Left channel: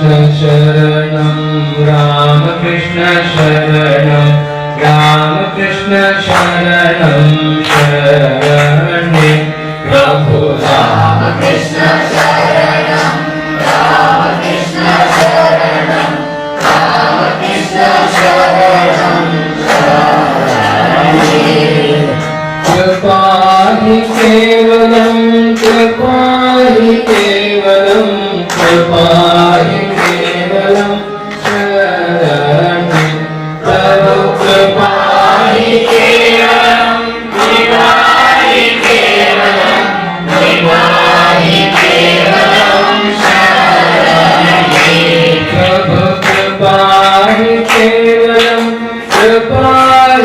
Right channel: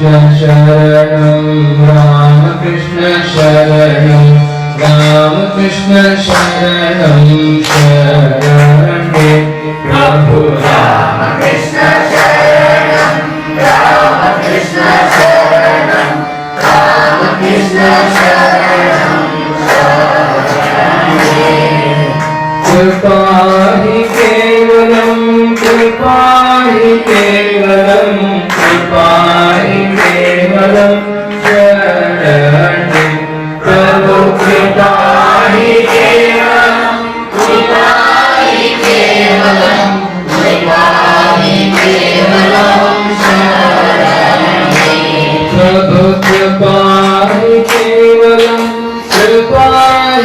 शरणं रामकृष्ण शरणं रामकृष्ण शरणं शरणे प्रभु रामकृष्ण शरणं रामकृष्ण शरणं रामकृष्ण शरणं शरणे कृपा हि केवलं कृपा हि केवलं कृपा हि केवलं शरणे प्रभु कृपा हि केवलं कृपा हि केवलं कृपा हि केवलं शरणे प्रभु कृपा हि केवलं कृपा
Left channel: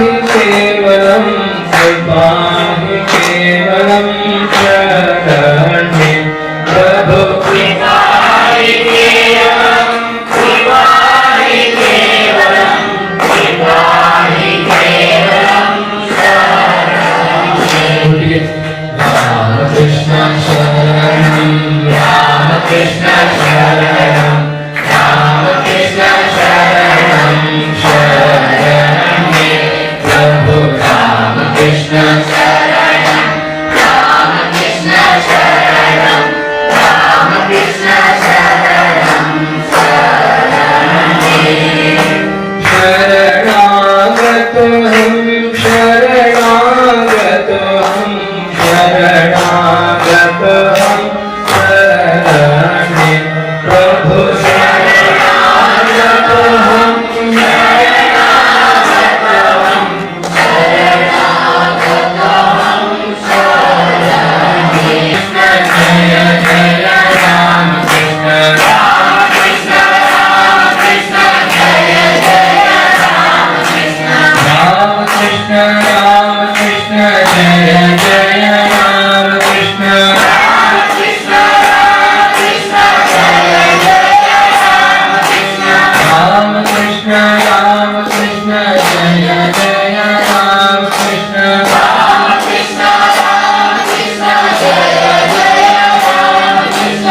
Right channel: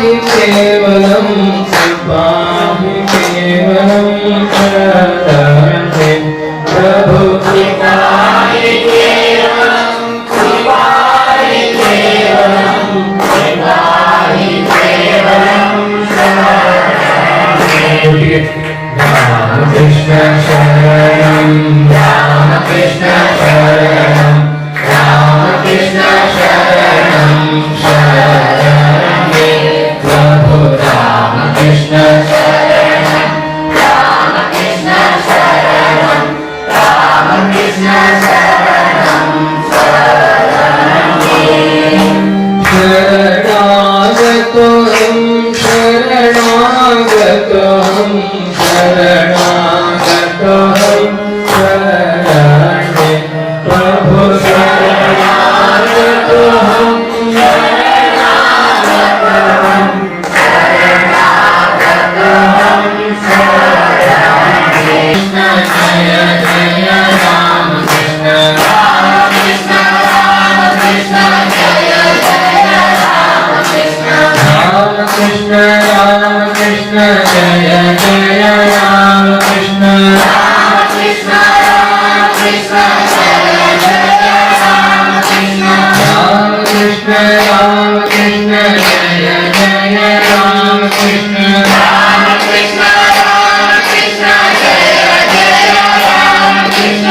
हि केवलं कृपा हि केवलं शरणे प्रभु कृपा हि केवलं कृपा हि केवलं कृपा हि केवलं शरणे रामकृष्ण शरणं रामकृष्ण शरणं रामकृष्ण शरणं शरणे प्रभु रामकृष्ण शरणं रामकृष्ण शरणं रामकृष्ण शरणं शरणे शरणागतोऽहं शरणागतोऽहं शरणागतोऽहं शरणे प्रभु शरणागतोऽहं शरणागतोऽहं शरणागतोऽहं शरणे जय जय रामकृष्ण रामकृष्ण रामकृष्ण जय जय रामकृष्ण रामकृष्ण रामकृष्ण जय जय रामकृष्ण रामकृष्ण रामकृष्ण जय जय रामकृष्ण रामकृष्ण रामकृष्ण जय जय रामकृष्ण रामकृष्ण रामकृष्ण जय जय रामकृष्ण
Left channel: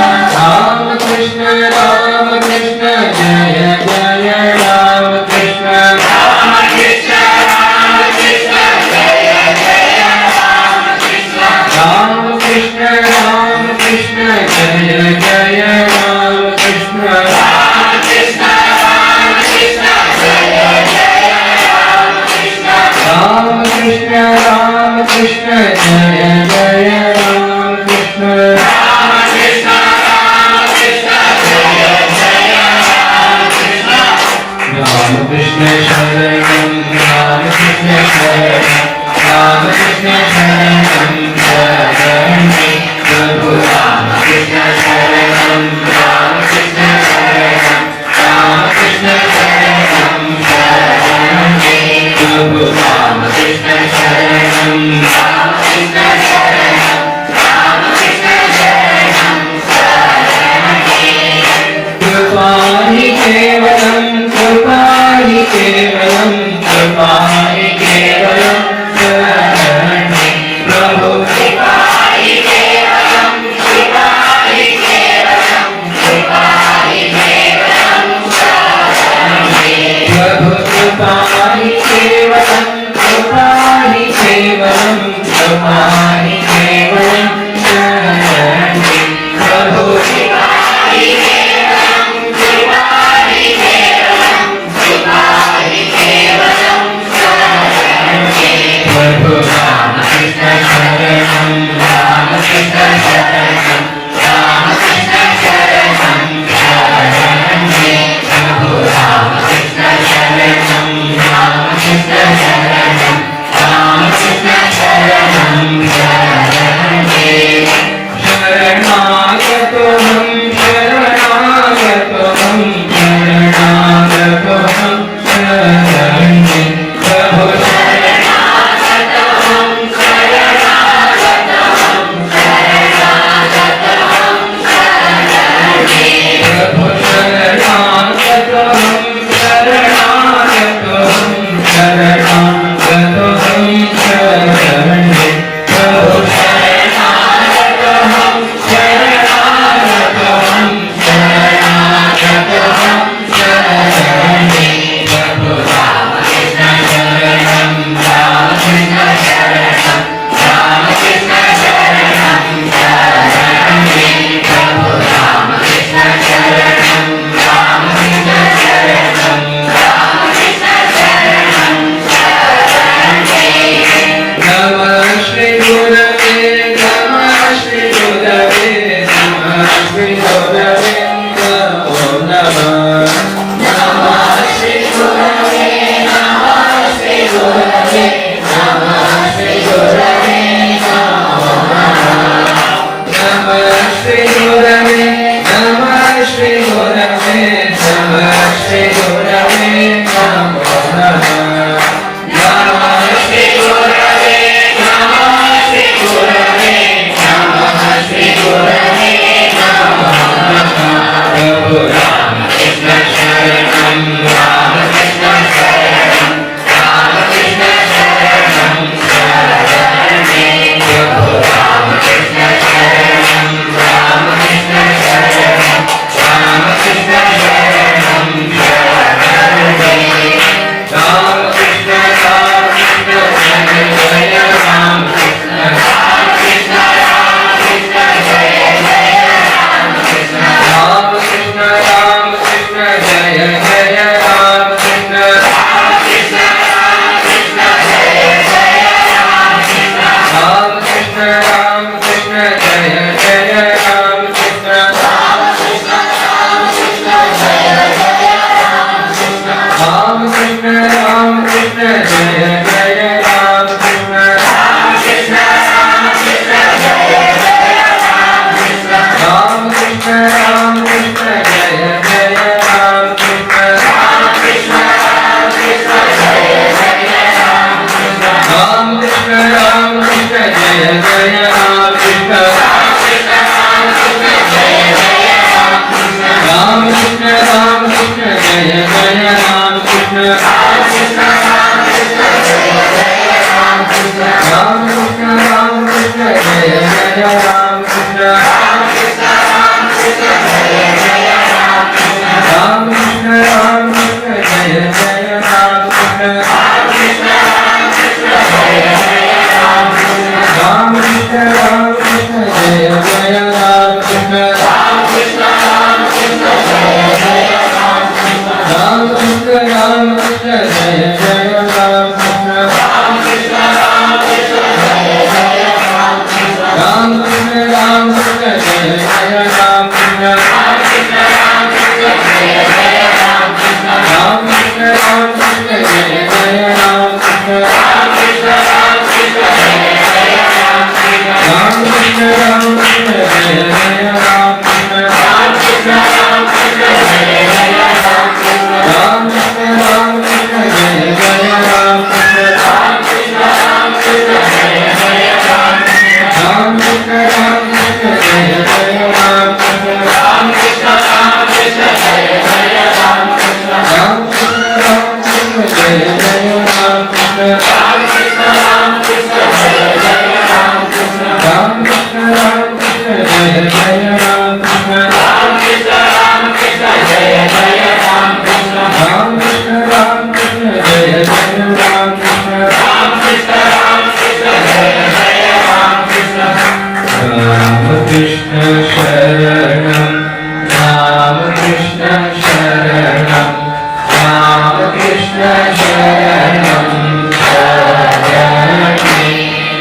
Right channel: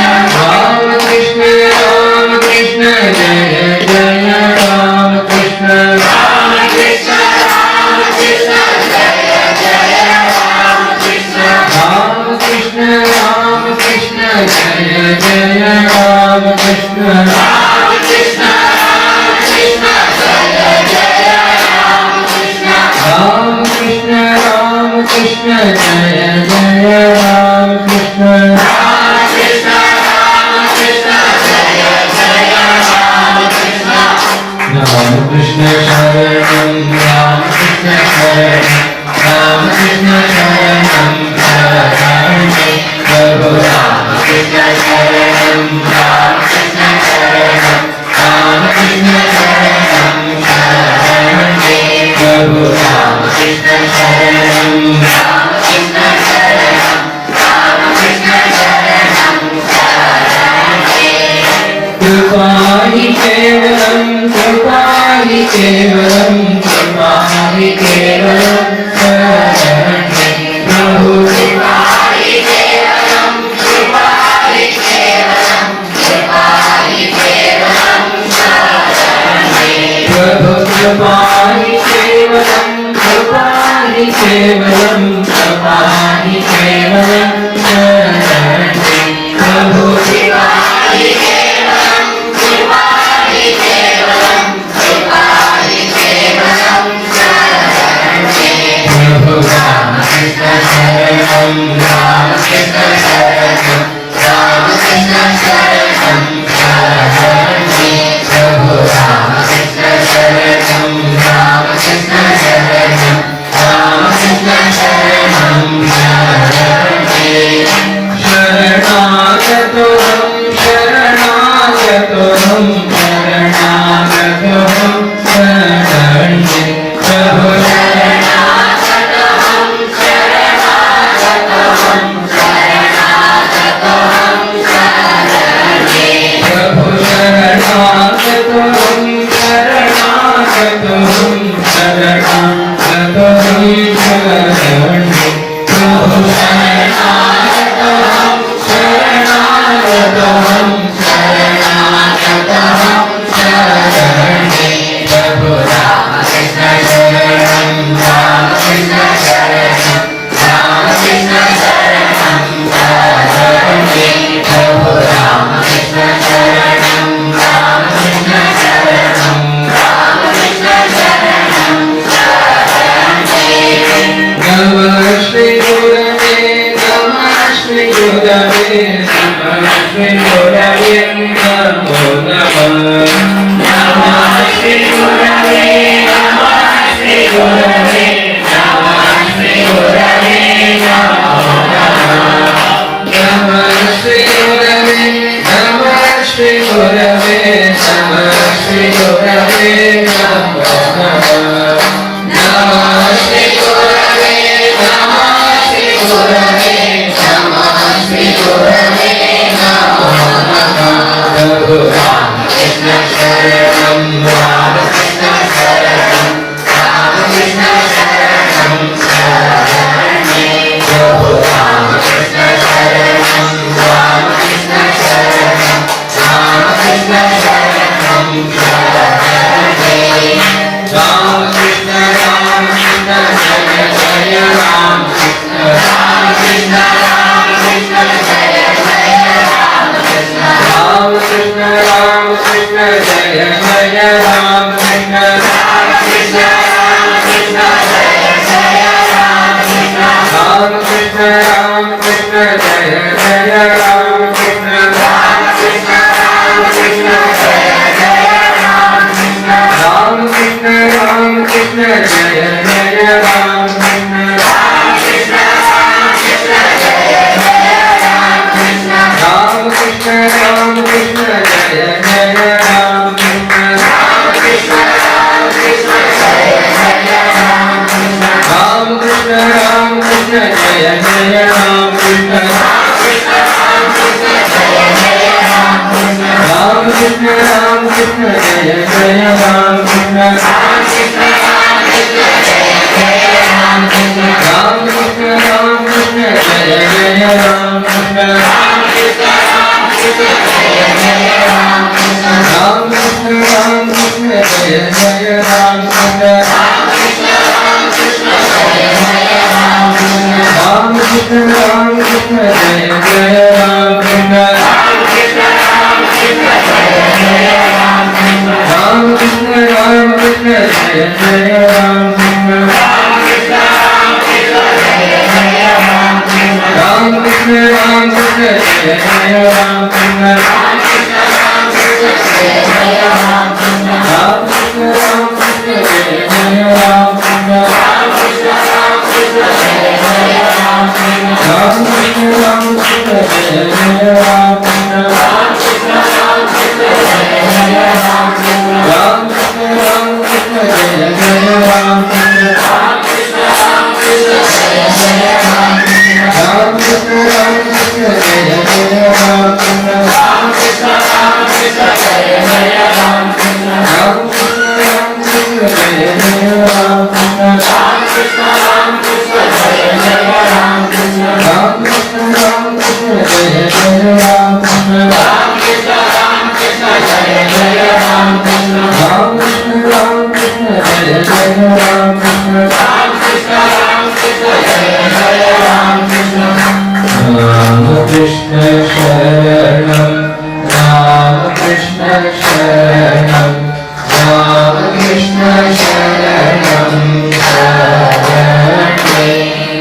रामकृष्ण रामकृष्ण जय जय रामकृष्ण रामकृष्ण रामकृष्ण जय जय रामकृष्ण रामकृष्ण रामकृष्ण जय जय रामकृष्ण रामकृष्ण रामकृष्ण जय जय रामकृष्ण रामकृष्ण रामकृष्ण जय जय रामकृष्ण रामकृष्ण रामकृष्ण जय जय रामकृष्ण रामकृष्ण शरणं रामकृष्ण शरणं रामकृष्ण शरणं शरणे प्रभु रामकृष्ण शरणं रामकृष्ण शरणं रामकृष्ण शरणं शरणे प्रभु रामकृष्ण शरणं रामकृष्ण शरणं रामकृष्ण शरणं शरणे कृपा हि केवलं कृपा हि केवलं कृपा हि केवलं शरणे प्रभु कृपा हि केवलं कृपा हि केवलं कृपा हि केवलं शरणे प्रभु कृपा हि केवलं कृपा हि केवलं कृपा हि केवलं शरणे प्रभु कृपा हि केवलं कृपा हि केवलं कृपा हि केवलं शरणे प्रभु रामकृष्ण शरणं रामकृष्ण शरणं रामकृष्ण शरणं शरणे प्रभु रामकृष्ण शरणं रामकृष्ण शरणं रामकृष्ण शरणं शरणे शरणागतोऽहं शरणागतोऽहं शरणागतोऽहं शरणे प्रभु शरणागतोऽहं शरणागतोऽहं जय राम कृष्ण राम कृष्ण जय जय राम कृष्ण राम कृष्ण जय जय राम कृष्ण राम कृष्ण जय जय राम कृष्ण रामकृष्ण जय जय राम कृष्ण रामकृष्ण जय जय राम कृष्ण रामकृष्ण जय जय राम कृष्ण रामकृष्ण जय जय Ram Krishna Krishna Sharanam Rama Krishna Sharanam Rama Krishna Sharanam Sharanam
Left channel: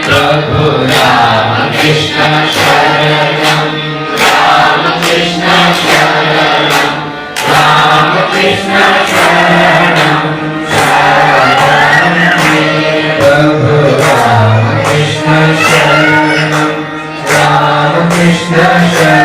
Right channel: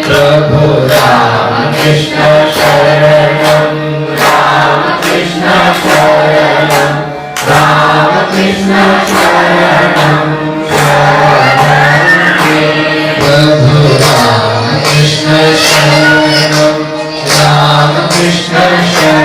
Prabhu Rama Krishna Sharanam Rama Krishna Sharanam Rama Krishna Sharanam Sharanam Prabhu Rama Krishna Sharanam Krishna Sharanam